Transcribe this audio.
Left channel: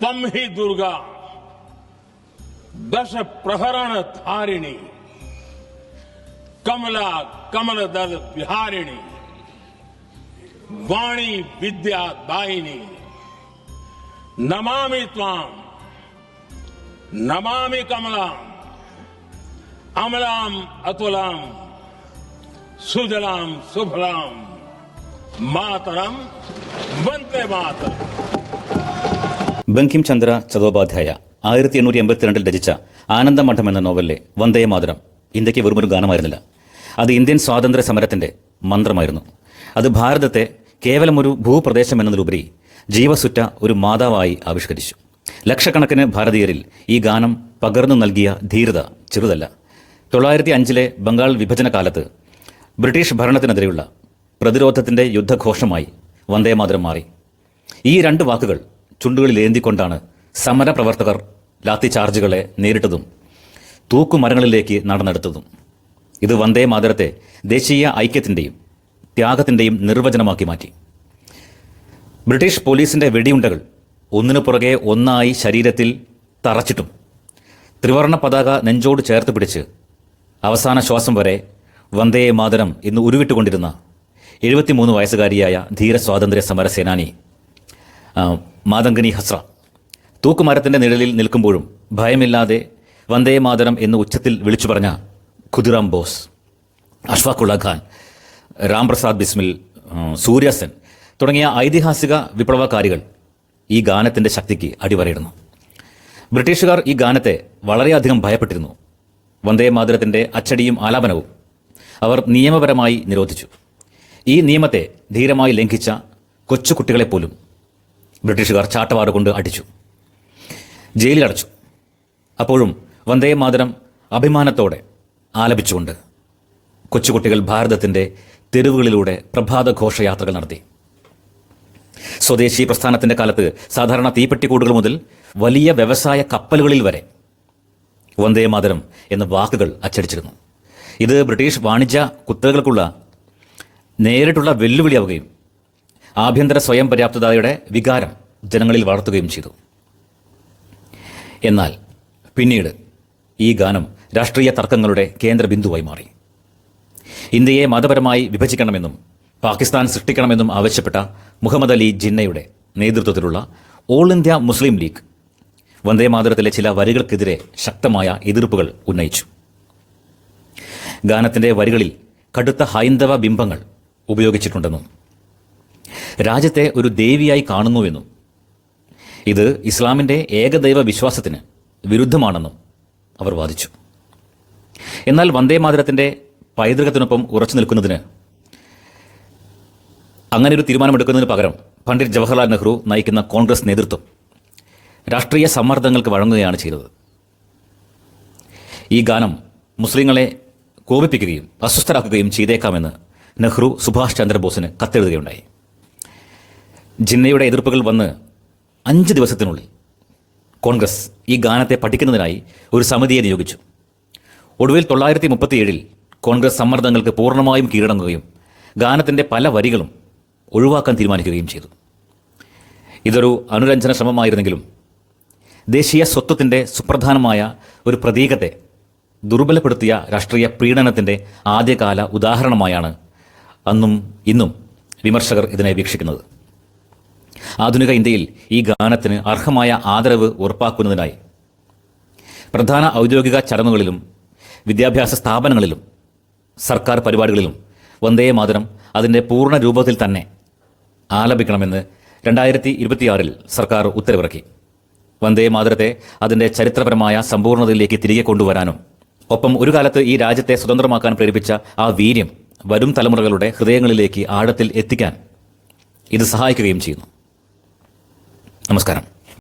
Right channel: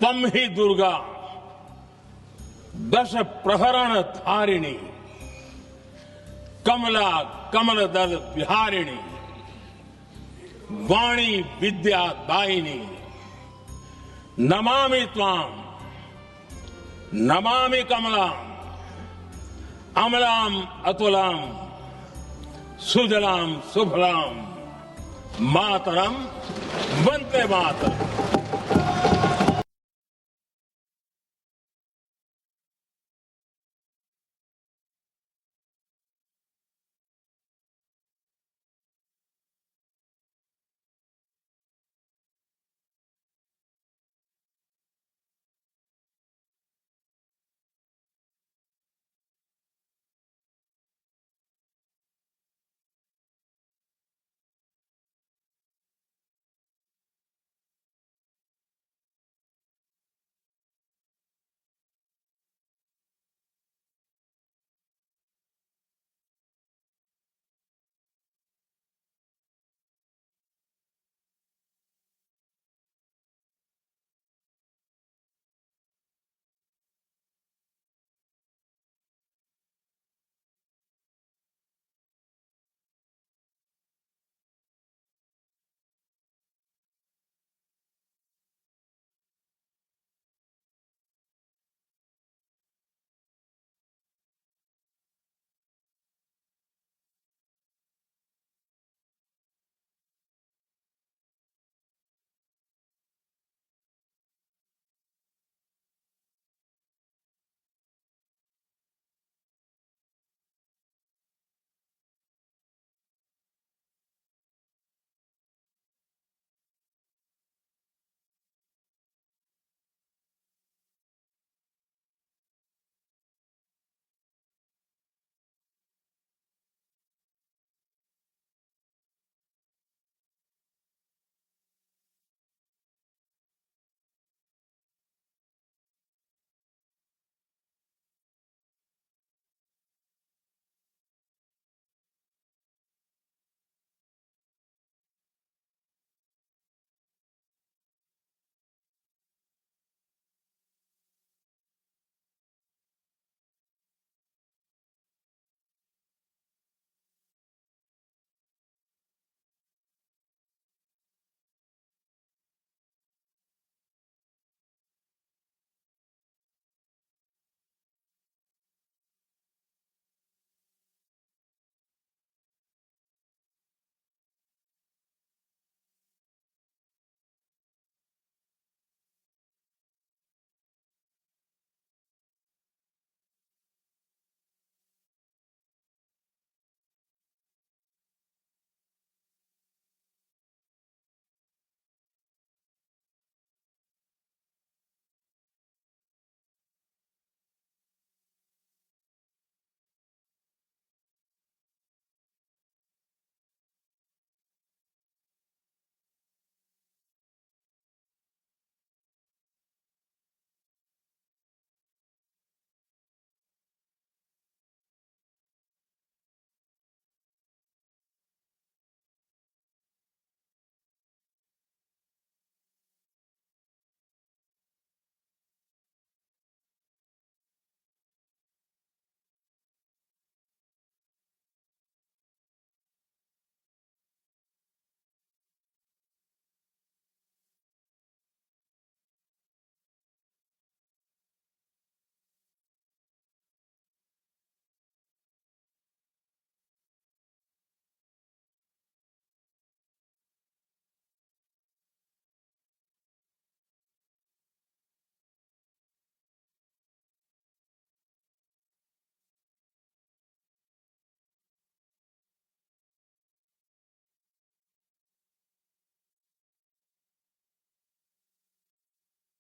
त्वं हि दुर्गा दश प्रहरण धारिणी कमला कमलदल विहारिणी वाणी विद्या दायिनी नमामि त्वां नमामि कमलां अमलां अतुलां सुजलां सुफलां मातरं वन्दे मातरम्. ബങ്കിം ചന്ദ്ര ചതോപാധ്യായ 1882 രചിച്ച ആനന്ദമഠം എന്ന നോവലിലെ വന്ദേ മാതരം ഇന്ത്യക്ക് വെറുമൊരു ഗാനമായിരുന്നില്ല. അത് ഇന്ത്യൻ സ്വാതന്ത്ര്യ സമരത്തിന്റെ മന്ത്രമായിരുന്നു. അത് ഭാരതത്തെ കേവലമൊരു ഭൂപ്രദേശം എന്നതിലുപരി ജീവസുറ്റ ഒരു മാതാവായി ആവിഷ്കരിച്ചു. ലക്ഷക്കണക്കിന് ഭാരതീയരിൽ ഈ ഗാനം പകർന്നു നൽകിയ ധീരത ചെറുതല്ല. 1905 ബംഗാൾ വിഭജന കാലത്ത് ബ്രിട്ടീഷ് ഭരണത്തിനെതിരെയുള്ള പ്രതിരോധത്തിന്റെ യുദ്ധഘോഷമായി വന്ദേമാതരം മാറി. ഈ രണ്ട് വാക്കുകൾ ചുണ്ടുകളിൽ ഏന്തിക്കൊണ്ടാണ് സമരപ്രവർത്തകർ ലാത്തി ചാർജുകളെ നേരിട്ടതും തൂക്കുമരങ്ങളിലേക്ക് നടന്നെടുത്തതും. ഇത് വന്ദേ മാതരത്തെ ദേശീയ ഐക്യത്തിന്റെയും ത്യാഗത്തിന്റെയും നിർവചനമാക്കി മാറ്റി. ബ്രിട്ടീഷ് പോലീസിന്റെ വെടിയുണ്ടകൾ ഒന്നിനു പുറകെ ഒന്നായി ശരീരത്തിൽ തറച്ചിട്ടും ത്രിവർണ്ണ പതാക നെഞ്ചോട് ചേർത്ത് പിടിച്ച് അവസാന ശ്വാസം വരെ വന്ദേ മാതരം എന്ന് ഉരുവിട്ടുകൊണ്ടിരുന്ന 73 വയസ്സുകാരിയായ ധീര സ്വാതന്ത്ര്യ സമര സേനാനി മാതംഗിനി ഹസ്ര തൂക്കുമരത്തിന്റെ നിഴലിൽ നിൽക്കുമ്പോഴും ഭയമില്ലാതെ വന്ദേ മാതരം എന്ന് ഉച്ചത്തിൽ വിളിച്ചു പറഞ്ഞ ഖുദിറാം ബോസ്, അഷ്ഫാഖുള്ള ഖാൻ, രാംപ്രസാദ് ബിസ്മിൽ, സൂര്യസെൻ തുടങ്ങിയ ഐതിഹാസിക വിപ്ലവകാരികൾ ഈ ഗാനത്തിന്റെ ശക്തിക്ക് അടിവരയിടുന്നു. ബ്രിട്ടീഷുകാർ ഈ ഗാനത്തെ വളരെയധികം ഭയപ്പെട്ടിരുന്നു. വന്ദേ മാതരത്തിന്റെ അച്ചടിയും ആലാപനവും അവർ നിയമപരമായി നിരോധിച്ചു. ഈ നിയമത്തെ ധീരമായി ലംഘിച്ച കൊച്ചുകുട്ടികളെപ്പോലും ബ്രിട്ടീഷുകാർ ചാട്ടവാറുകൊണ്ട് അടിച്ചു, ജയിലിലടച്ചു. അപ്പോഴും വന്ദേ മാതരം അഭിമാനത്തോടെ ആലപിച്ചുകൊണ്ട് കൊച്ചുകുട്ടികൾ ഭാരതത്തിന്റെ തെരുവുകളിലൂടെ പ്രഭാത ഘോഷയാത്രകൾ നടത്തി. സ്വദേശി പ്രസ്ഥാനത്തിന്റെ കാലത്ത് സാധാരണ തീപ്പെട്ടിക്കൂടുകൾ മുതൽ വലിയ വ്യവസായ കപ്പലുകളിൽ വരെ വന്ദേ മാതരം എന്ന വാക്കുകൾ അച്ചടിച്ചിരുന്നു. ഇത് ബ്രിട്ടീഷ് വാണിജ്യ കുത്തകകൾക്കുള്ള നേരിട്ടുള്ള വെല്ലുവിളിയാവുകയും ആഭ്യന്തര സ്വയം പര്യാപ്തതയുടെ വികാരം ജനങ്ങളിൽ വളർത്തുകയും ചെയ്തു. എന്നാൽ പിന്നീട് ഈ ഗാനം രാഷ്ട്രീയ തർക്കങ്ങളുടെ കേന്ദ്ര ബിന്ദുവായി മാറി. ഇന്ത്യയെ മതപരമായി വിഭജിക്കണമെന്നും പാകിസ്ഥാൻ സൃഷ്ടിക്കണമെന്നും ആവശ്യപ്പെട്ട മുഹമ്മദ് അലി ജിന്നയുടെ നേതൃത്വത്തിലുള്ള ഓൾ ഇന്ത്യ മുസ്ലിം ലീഗ് വന്ദേ മാതരത്തിലെ ചില വരികൾക്കെതിരെ ശക്തമായ എതിർപ്പുകൾ ഉന്നയിച്ചു. ഗാനത്തിന്റെ വരികളിൽ കടുത്ത ഹൈന്ദവ ബിംബങ്ങൾ ഉപയോഗിച്ചിട്ടുണ്ടെന്നും രാജ്യത്തെ ഒരു ദേവിയായി കാണുന്നുവെന്നും ഇത് ഇസ്ലാമിന്റെ ഏകദൈവ വിശ്വാസത്തിന് വിരുദ്ധമാണെന്നും അവർ വാദിച്ചു. എന്നാൽ വന്ദേ മാതരത്തിന്റെ പൈതൃകത്തിനൊപ്പം ഉറച്ചു നിൽക്കുന്നതിന്, അങ്ങനെ ഒരു തീരുമാനമെടുക്കുന്നതിന് പകരം പണ്ഡിറ്റ് ജവഹർലാൽ നെഹ്റു നയിക്കുന്ന കോൺഗ്രസ് നേതൃത്വം രാഷ്ട്രീയ സമ്മർദ്ദങ്ങൾക്ക് വഴങ്ങുകയാണ് ചെയ്തത്. ഈ ഗാനം മുസ്ലിങ്ങളെ കോപിപ്പിക്കുകയും അസ്വസ്ഥരാക്കുകയും ചെയ്തേക്കാമെന്ന് നെഹ്റു സുഭാഷ് ചന്ദ്രബോസിന് കത്തെഴുതുകയുണ്ടായി. ജിന്നയുടെ എതിർപ്പുകൾ വന്ന് 5 ദിവസത്തിനുള്ളിൽ കോൺഗ്രസ് ഈ ഗാനത്തെ പഠിക്കുന്നതിനായി ഒരു സമിതിയെ നിയോഗിച്ചു. ഒടുവിൽ 1937 കോൺഗ്രസ് സമ്മർദ്ദങ്ങൾക്ക് പൂർണ്ണമായും കീഴടങ്ങുകയും ഗാനത്തിന്റെ പല വരികളും ഒഴിവാക്കാൻ തീരുമാനിക്കുകയും ചെയ്തു. ഇതൊരു അനുരഞ്ജന ശ്രമമായിരുന്നെങ്കിലും ദേശീയ സ്വത്വത്തിന്റെ സുപ്രധാനമായ ഒരു പ്രതീകത്തെ ദുർബലപ്പെടുത്തിയ രാഷ്ട്രീയ പ്രീണനത്തിന്റെ ആദ്യകാല ഉദാഹരണമായാണ് അന്നും ഇന്നും വിമർശകർ ഇതിനെ വീക്ഷിക്കുന്നത്. ആധുനിക ഇന്ത്യയിൽ ഈ ഗാനത്തിന് അർഹമായ ആദരവ് ഉറപ്പാക്കുന്നതിനായി പ്രധാന ഔദ്യോഗിക ചടങ്ങുകളിലും വിദ്യാഭ്യാസ സ്ഥാപനങ്ങളിലും സർക്കാർ പരിപാടികളിലും വന്ദേ മാതരം അതിൻ്റെ പൂർണ്ണ രൂപത്തിൽ തന്നെ ആലപിക്കണമെന്ന് 2026 സർക്കാർ ഉത്തരവിറക്കി. വന്ദേ മാതരത്തെ അതിൻ്റെ ചരിത്രപരമായ സമ്പൂർണ്ണതയിലേക്ക് തിരികെ കൊണ്ടുവരാനും ഒപ്പം ഒരു കാലത്ത് ഈ രാജ്യത്തെ സ്വതന്ത്രമാക്കാൻ പ്രേരിപ്പിച്ച ആ വീര്യം വരും തലമുറകളുടെ ഹൃദയങ്ങളിലേക്ക് ആഴത്തിൽ എത്തിക്കാൻ ഇത് സഹായിക്കുകയും ചെയ്യുന്നു. നമസ്കാരം.